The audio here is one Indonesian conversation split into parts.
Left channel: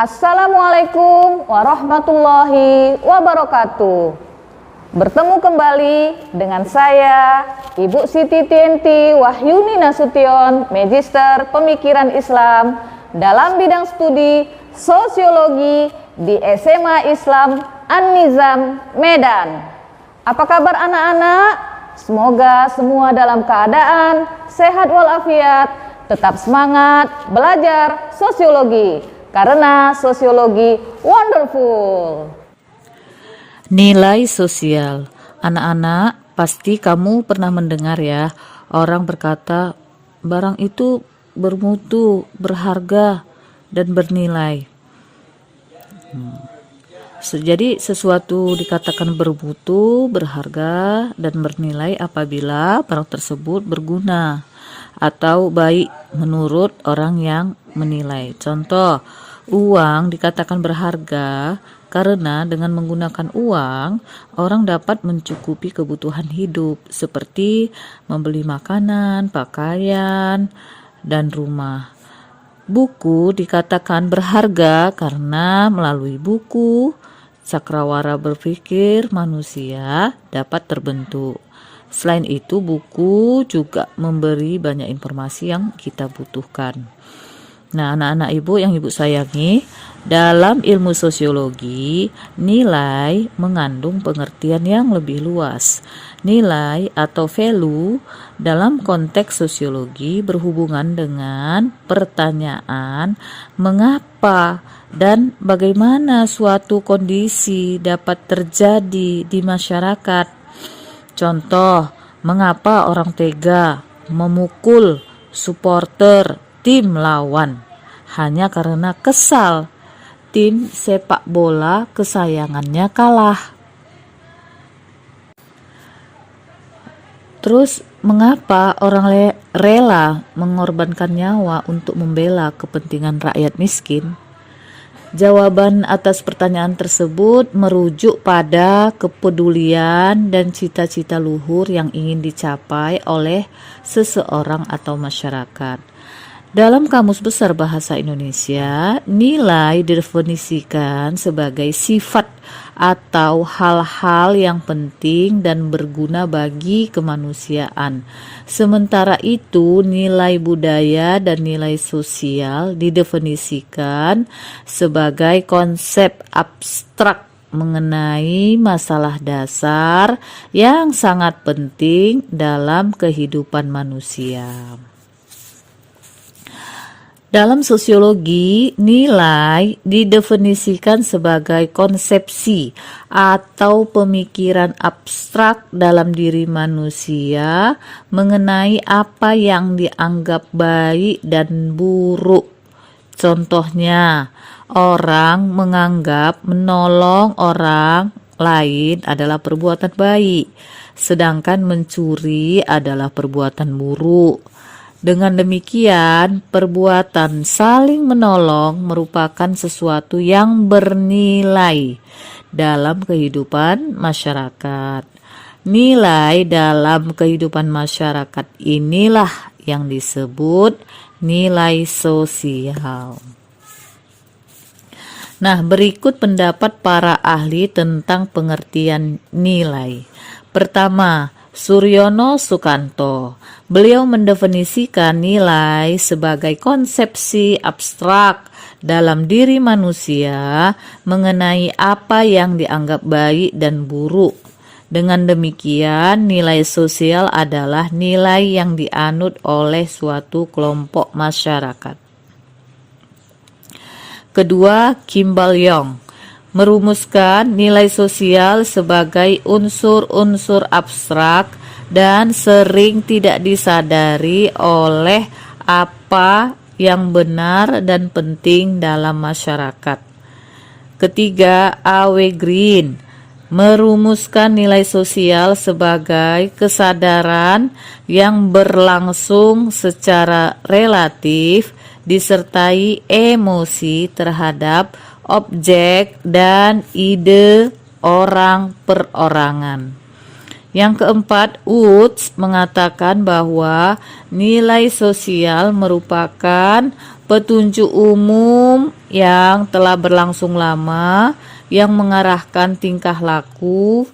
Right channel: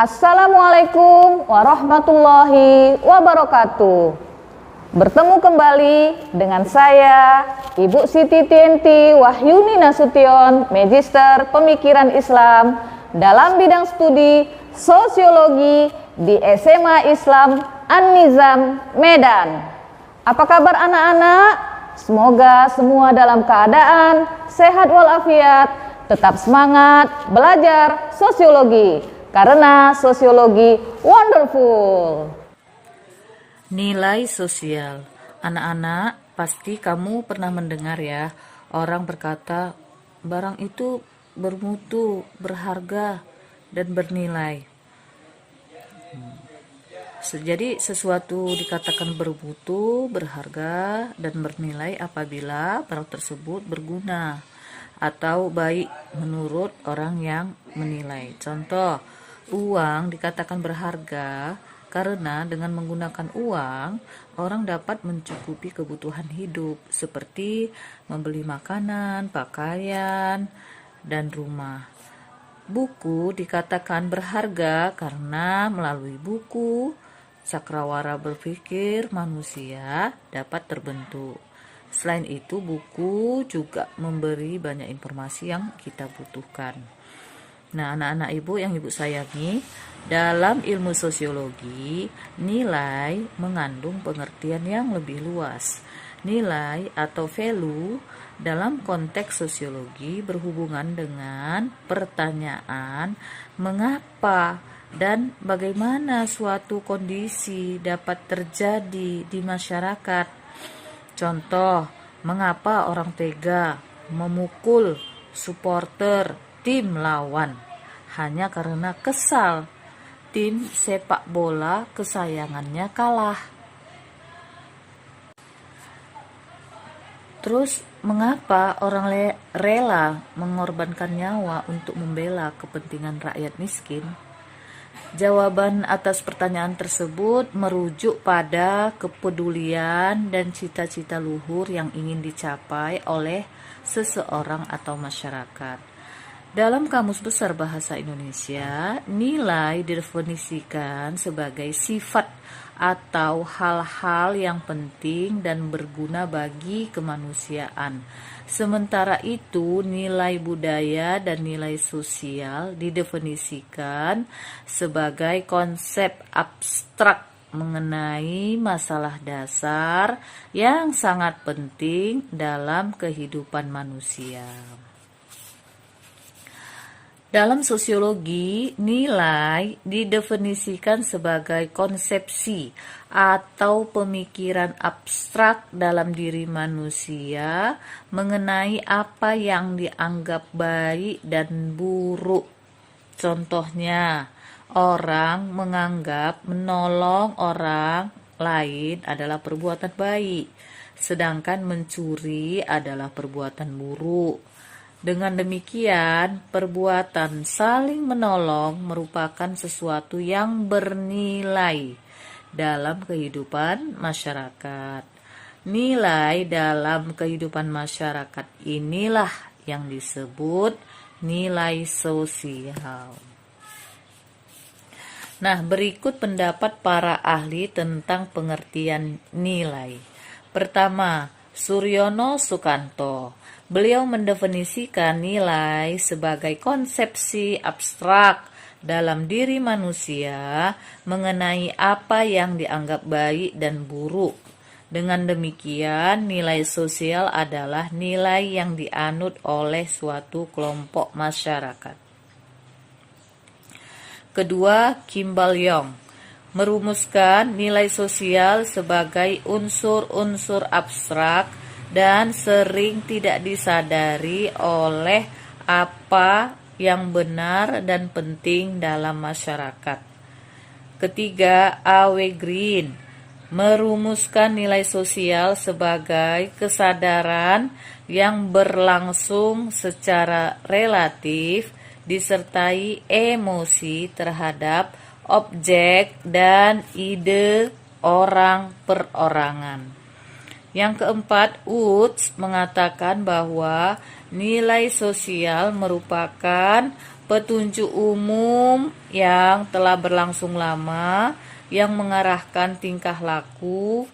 Assalamualaikum warahmatullahi wabarakatuh. Bertemu kembali dengan saya, Ibu Siti Tienti Wahyuni Nasution, Magister Pemikiran Islam dalam bidang studi Sosiologi di SMA Islam An-Nizam, Medan. Apa kabar anak-anak? Semoga semua dalam keadaan sehat walafiat, tetap semangat belajar sosiologi. Karena sosiologi wonderful. Nilai sosial. Anak-anak, pasti kamu pernah mendengar ya, orang berkata barang itu bermutu, berharga, dan bernilai. Jadi sesuatu dikatakan bermutu, berharga, dan bernilai apabila barang tersebut berguna atau baik menurut orang yang menilai. Contoh, uang dikatakan berharga karena dengan menggunakan uang, orang dapat mencukupi kebutuhan hidup seperti membeli makanan, pakaian, dan rumah. Buku dikatakan berharga karena melalui buku, cakrawala berpikir manusia dapat terbentuk. Selain itu, buku juga memberi banyak informasi yang kita butuhkan. Nah, anak-anak ibu yang ibu sayangi, dalam ilmu sosiologi, nilai mengandung pengertian yang lebih luas. Nilai atau value dalam konteks sosiologi berhubungan dengan pertanyaan mengapa dan bagaimana suatu kondisi dapat terjadi di masyarakat. Contoh, mengapa orang tega memukul supporter tim lawan hanya karena kesal tim sepak bola kesayangannya kalah. Terus, mengapa orang rela mengorbankan nyawa untuk membela kepentingan rakyat miskin? Jawaban atas pertanyaan tersebut merujuk pada kepedulian dan cita-cita luhur yang ingin dicapai oleh seseorang atau masyarakat. Dalam Kamus Besar Bahasa Indonesia, nilai didefinisikan sebagai sifat atau hal-hal yang penting dan berguna bagi kemanusiaan. Sementara itu, nilai budaya dan nilai sosial didefinisikan sebagai konsep abstrak mengenai masalah dasar yang sangat penting dalam kehidupan manusia. Dalam sosiologi, nilai didefinisikan sebagai konsepsi atau pemikiran abstrak dalam diri manusia mengenai apa yang dianggap baik dan buruk. Contohnya, orang menganggap menolong orang lain adalah perbuatan baik, sedangkan mencuri adalah perbuatan buruk. Dengan demikian, perbuatan saling menolong merupakan sesuatu yang bernilai dalam kehidupan masyarakat. Nilai dalam kehidupan masyarakat inilah yang disebut nilai sosial. Nah, berikut pendapat para ahli tentang pengertian nilai. Pertama, Suryono Sukanto. Beliau mendefinisikan nilai sebagai konsepsi abstrak dalam diri manusia mengenai apa yang dianggap baik dan buruk. Dengan demikian, nilai sosial adalah nilai yang dianut oleh suatu kelompok masyarakat. Kedua, Kimball Young merumuskan nilai sosial sebagai unsur-unsur abstrak dan sering tidak disadari oleh apa yang benar dan penting dalam masyarakat. Ketiga, A.W. Green merumuskan nilai sosial sebagai kesadaran yang berlangsung secara relatif disertai emosi terhadap objek dan ide orang perorangan. Yang keempat, Woods mengatakan bahwa nilai sosial merupakan petunjuk umum yang telah berlangsung lama yang mengarahkan tingkah laku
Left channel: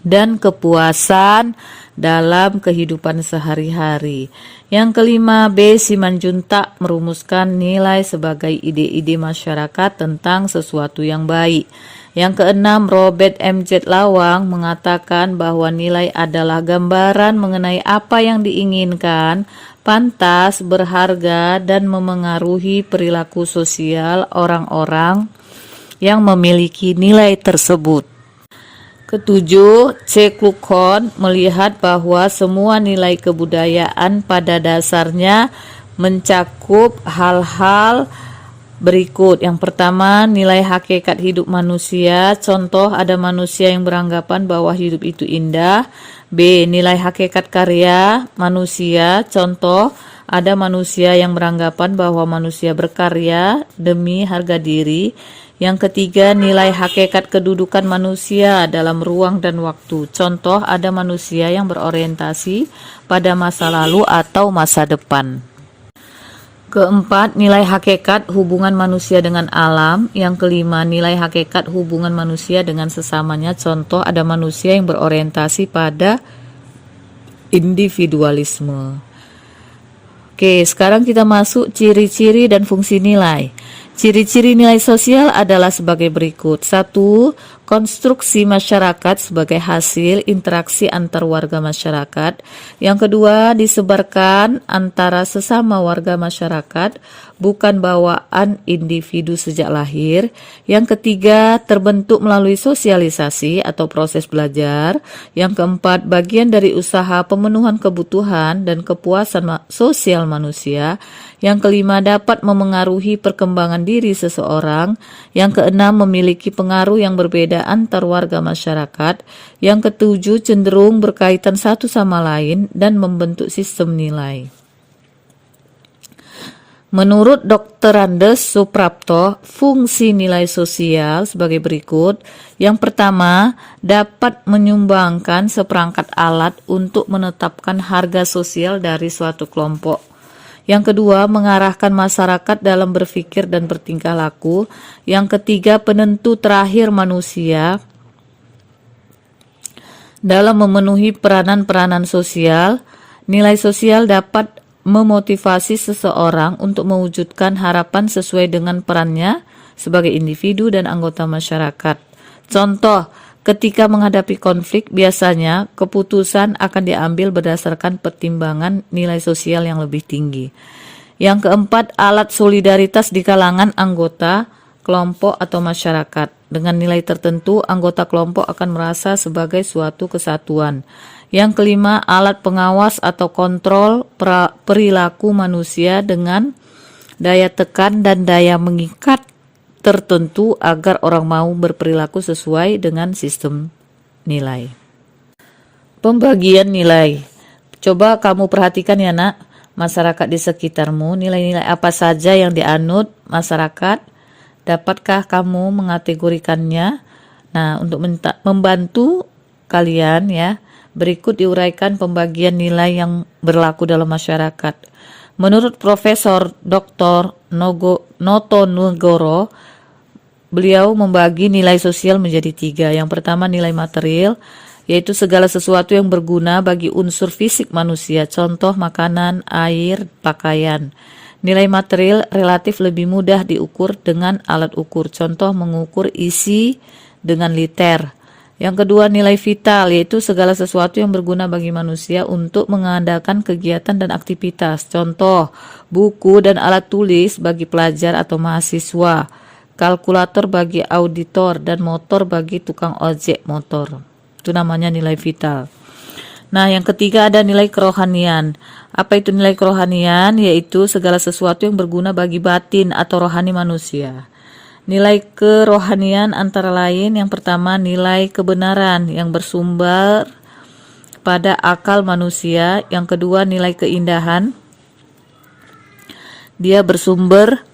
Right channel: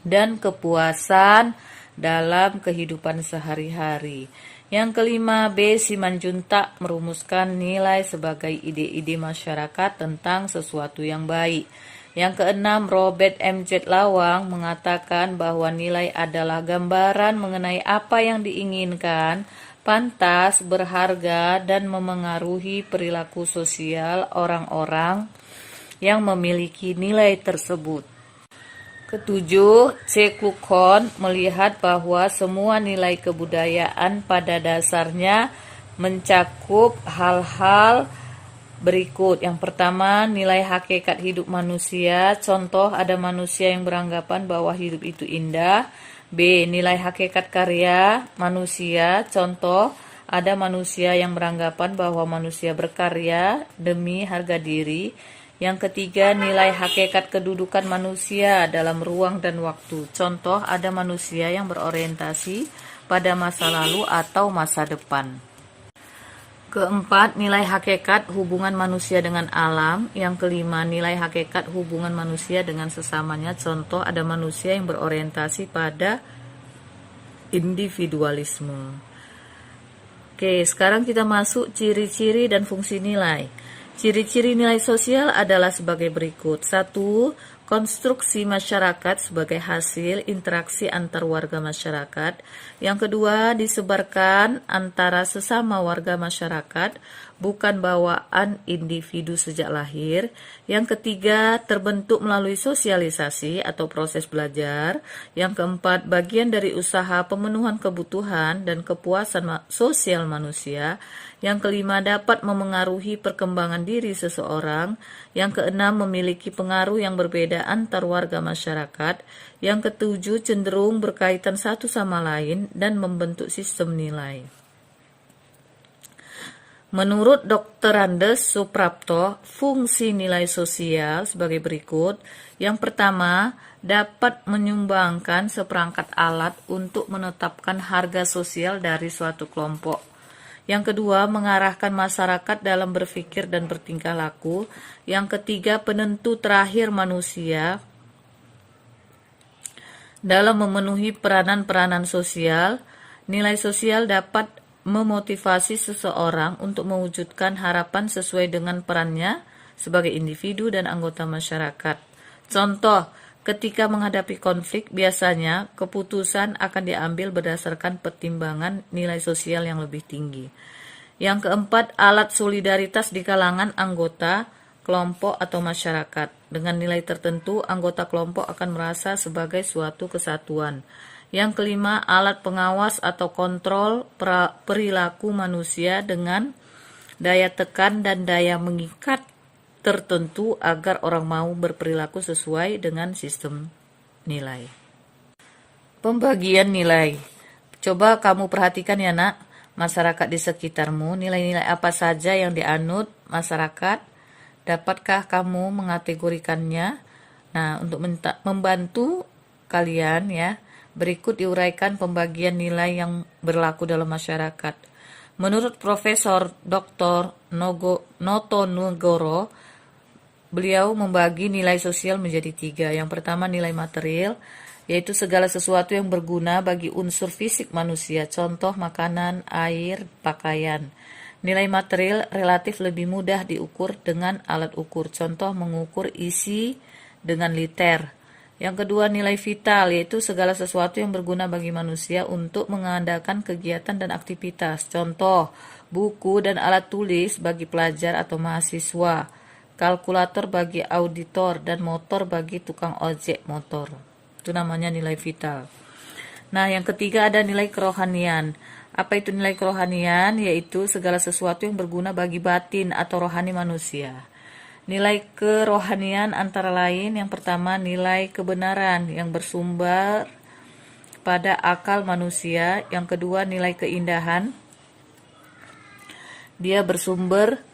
dan kepuasan dalam kehidupan sehari-hari. Yang kelima, B. Simanjuntak merumuskan nilai sebagai ide-ide masyarakat tentang sesuatu yang baik. Yang keenam, Robert M.Z. Lawang mengatakan bahwa nilai adalah gambaran mengenai apa yang diinginkan, pantas, berharga, dan memengaruhi perilaku sosial orang-orang yang memiliki nilai tersebut. Ketujuh, C. Kluckhohn melihat bahwa semua nilai kebudayaan pada dasarnya mencakup hal-hal berikut. Yang pertama, nilai hakikat hidup manusia. Contoh, ada manusia yang beranggapan bahwa hidup itu indah. B. Nilai hakikat karya manusia. Contoh, ada manusia yang beranggapan bahwa manusia berkarya demi harga diri. Yang ketiga, nilai hakikat kedudukan manusia dalam ruang dan waktu. Contoh, ada manusia yang berorientasi pada masa lalu atau masa depan. Keempat, nilai hakikat hubungan manusia dengan alam. Yang kelima, nilai hakikat hubungan manusia dengan sesamanya. Contoh, ada manusia yang berorientasi pada individualisme. Oke, sekarang kita masuk ciri-ciri dan fungsi nilai. Ciri-ciri nilai sosial adalah sebagai berikut. 1. Konstruksi masyarakat sebagai hasil interaksi antar warga masyarakat. Yang kedua, disebarkan antara sesama warga masyarakat, bukan bawaan individu sejak lahir. Yang ketiga, terbentuk melalui sosialisasi atau proses belajar. Yang keempat, bagian dari usaha pemenuhan kebutuhan dan kepuasan sosial manusia. Yang kelima, dapat memengaruhi perkembangan diri seseorang. Yang keenam, memiliki pengaruh yang berbeda antar warga masyarakat. Yang ketujuh, cenderung berkaitan satu sama lain dan membentuk sistem nilai. Menurut Dr. Andes Suprapto, fungsi nilai sosial sebagai berikut. Yang pertama, dapat menyumbangkan seperangkat alat untuk menetapkan harga sosial dari suatu kelompok. Yang kedua, mengarahkan masyarakat dalam berpikir dan bertingkah laku. Yang ketiga, penentu terakhir manusia dalam memenuhi peranan-peranan sosial. Nilai sosial dapat memotivasi seseorang untuk mewujudkan harapan sesuai dengan perannya sebagai individu dan anggota masyarakat. Contoh, ketika menghadapi konflik, biasanya keputusan akan diambil berdasarkan pertimbangan nilai sosial yang lebih tinggi. Yang keempat, alat solidaritas di kalangan anggota kelompok atau masyarakat. Dengan nilai tertentu, anggota kelompok akan merasa sebagai suatu kesatuan. Yang kelima, alat pengawas atau kontrol perilaku manusia dengan daya tekan dan daya mengikat tertentu agar orang mau berperilaku sesuai dengan sistem nilai. Pembagian nilai. Coba kamu perhatikan ya nak, masyarakat di sekitarmu, nilai-nilai apa saja yang dianut masyarakat, dapatkah kamu mengategorikannya? Nah, untuk membantu kalian ya, berikut diuraikan pembagian nilai yang berlaku dalam masyarakat. Menurut Profesor Dr. Noto Nugoro, beliau membagi nilai sosial menjadi 3. Yang pertama, nilai material, yaitu segala sesuatu yang berguna bagi unsur fisik manusia, contoh makanan, air, pakaian. Nilai material relatif lebih mudah diukur dengan alat ukur, contoh mengukur isi dengan liter. Yang kedua, nilai vital, yaitu segala sesuatu yang berguna bagi manusia untuk mengadakan kegiatan dan aktivitas. Contoh, buku dan alat tulis bagi pelajar atau mahasiswa, kalkulator bagi auditor, dan motor bagi tukang ojek motor. Itu namanya nilai vital. Nah, yang ketiga ada nilai kerohanian. Apa itu nilai kerohanian? Yaitu segala sesuatu yang berguna bagi batin atau rohani manusia. Nilai kerohanian antara lain, yang pertama nilai kebenaran yang bersumber pada akal manusia. Yang kedua nilai keindahan, dia bersumber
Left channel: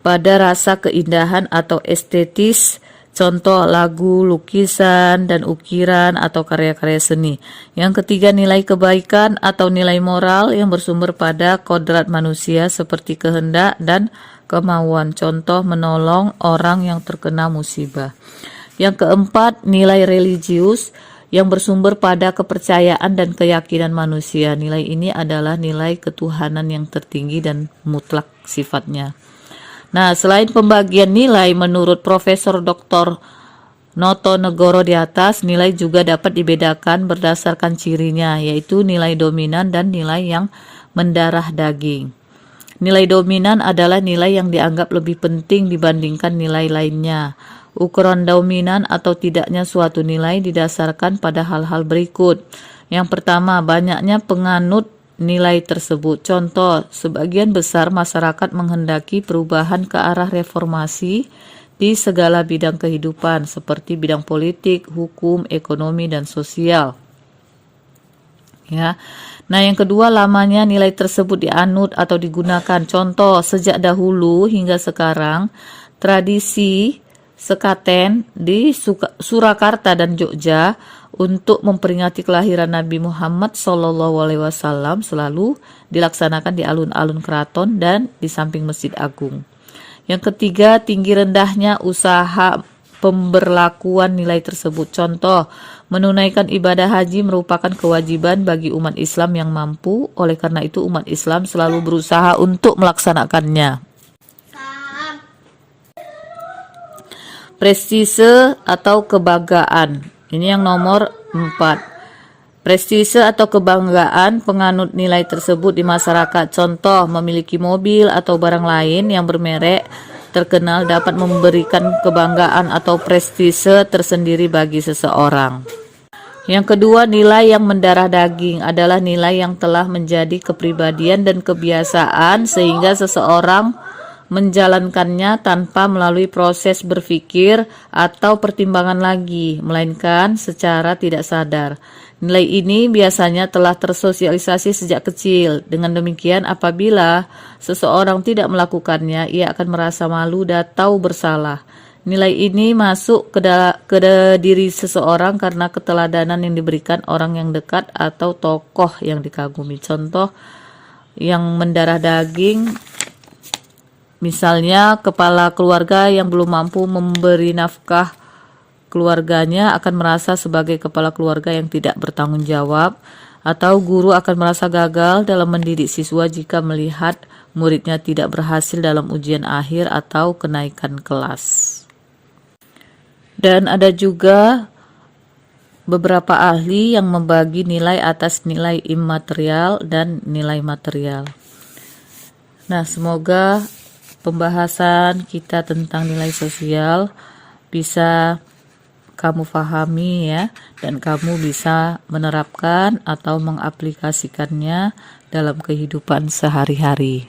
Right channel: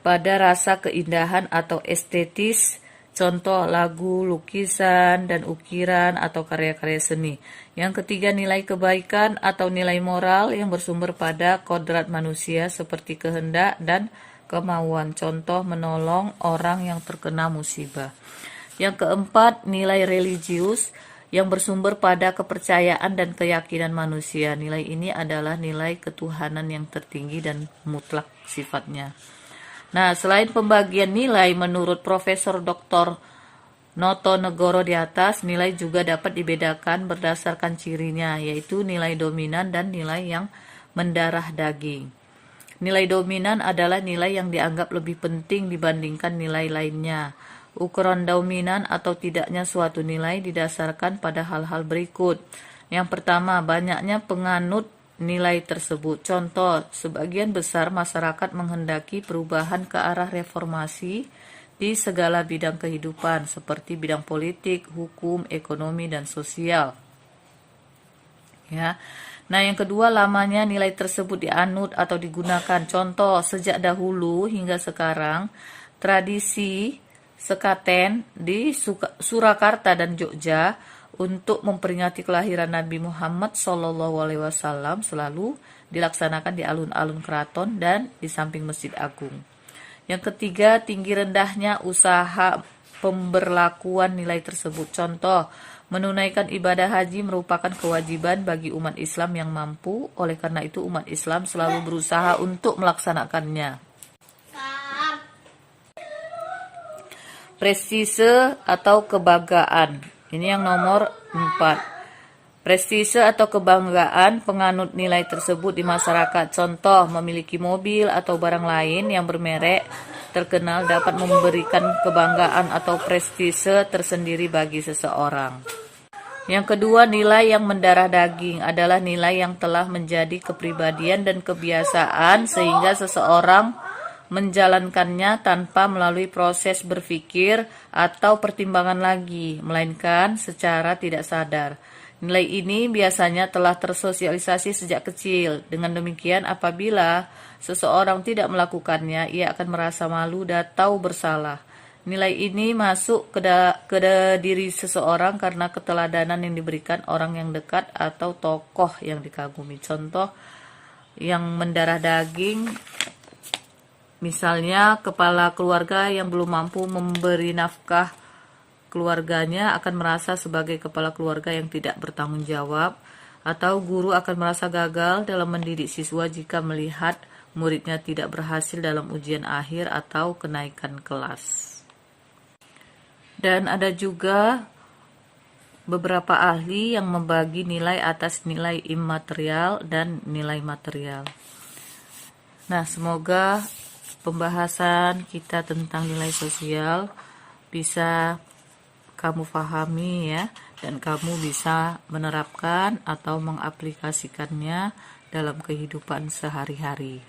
pada rasa keindahan atau estetis contoh lagu, lukisan, dan ukiran atau karya-karya seni. Yang ketiga, nilai kebaikan atau nilai moral yang bersumber pada kodrat manusia seperti kehendak dan kemauan, contoh menolong orang yang terkena musibah. Yang keempat, nilai religius yang bersumber pada kepercayaan dan keyakinan manusia. Nilai ini adalah nilai ketuhanan yang tertinggi dan mutlak sifatnya. Nah, selain pembagian nilai menurut Profesor Dr. Noto Negoro di atas, nilai juga dapat dibedakan berdasarkan cirinya, yaitu nilai dominan dan nilai yang mendarah daging. Nilai dominan adalah nilai yang dianggap lebih penting dibandingkan nilai lainnya. Ukuran dominan atau tidaknya suatu nilai didasarkan pada hal-hal berikut. Yang pertama, banyaknya penganut nilai tersebut. Contoh, sebagian besar masyarakat menghendaki perubahan ke arah reformasi di segala bidang kehidupan, seperti bidang politik, hukum, ekonomi, dan sosial. Ya. Nah, yang kedua, lamanya nilai tersebut dianut atau digunakan. Contoh, sejak dahulu hingga sekarang, tradisi sekaten di Surakarta dan Jogja untuk memperingati kelahiran Nabi Muhammad SAW selalu dilaksanakan di alun-alun keraton dan di samping Masjid Agung. Yang ketiga, tinggi rendahnya usaha pemberlakuan nilai tersebut. Contoh, menunaikan ibadah haji merupakan kewajiban bagi umat Islam yang mampu, oleh karena itu umat Islam selalu berusaha untuk melaksanakannya. Prestise atau kebanggaan. Ini yang nomor 4. Prestise atau kebanggaan penganut nilai tersebut di masyarakat. Contoh, memiliki mobil atau barang lain yang bermerek terkenal dapat memberikan kebanggaan atau prestise tersendiri bagi seseorang. Yang kedua, nilai yang mendarah daging adalah nilai yang telah menjadi kepribadian dan kebiasaan sehingga seseorang menjalankannya tanpa melalui proses berpikir atau pertimbangan lagi, melainkan secara tidak sadar. Nilai ini biasanya telah tersosialisasi sejak kecil. Dengan demikian, apabila seseorang tidak melakukannya, ia akan merasa malu dan tahu bersalah. Nilai ini masuk ke diri seseorang karena keteladanan yang diberikan orang yang dekat atau tokoh yang dikagumi. Contoh yang mendarah daging, misalnya, kepala keluarga yang belum mampu memberi nafkah keluarganya akan merasa sebagai kepala keluarga yang tidak bertanggung jawab, atau guru akan merasa gagal dalam mendidik siswa jika melihat muridnya tidak berhasil dalam ujian akhir atau kenaikan kelas. Dan ada juga beberapa ahli yang membagi nilai atas nilai imaterial dan nilai material. Nah, semoga pembahasan kita tentang nilai sosial bisa kamu pahami ya, dan kamu bisa menerapkan atau mengaplikasikannya dalam kehidupan sehari-hari.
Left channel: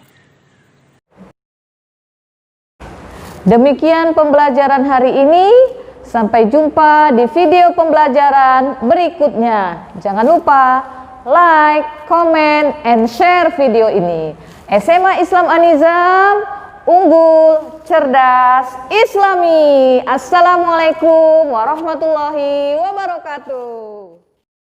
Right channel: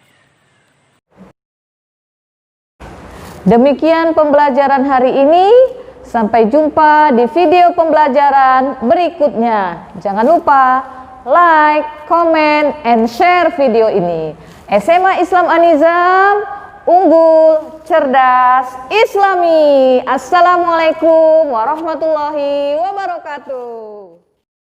Demikian pembelajaran hari ini. Sampai jumpa di video pembelajaran berikutnya. Jangan lupa like, comment, and share video ini. SMA Islam An-Nizam, unggul, cerdas, islami. Assalamualaikum warahmatullahi wabarakatuh.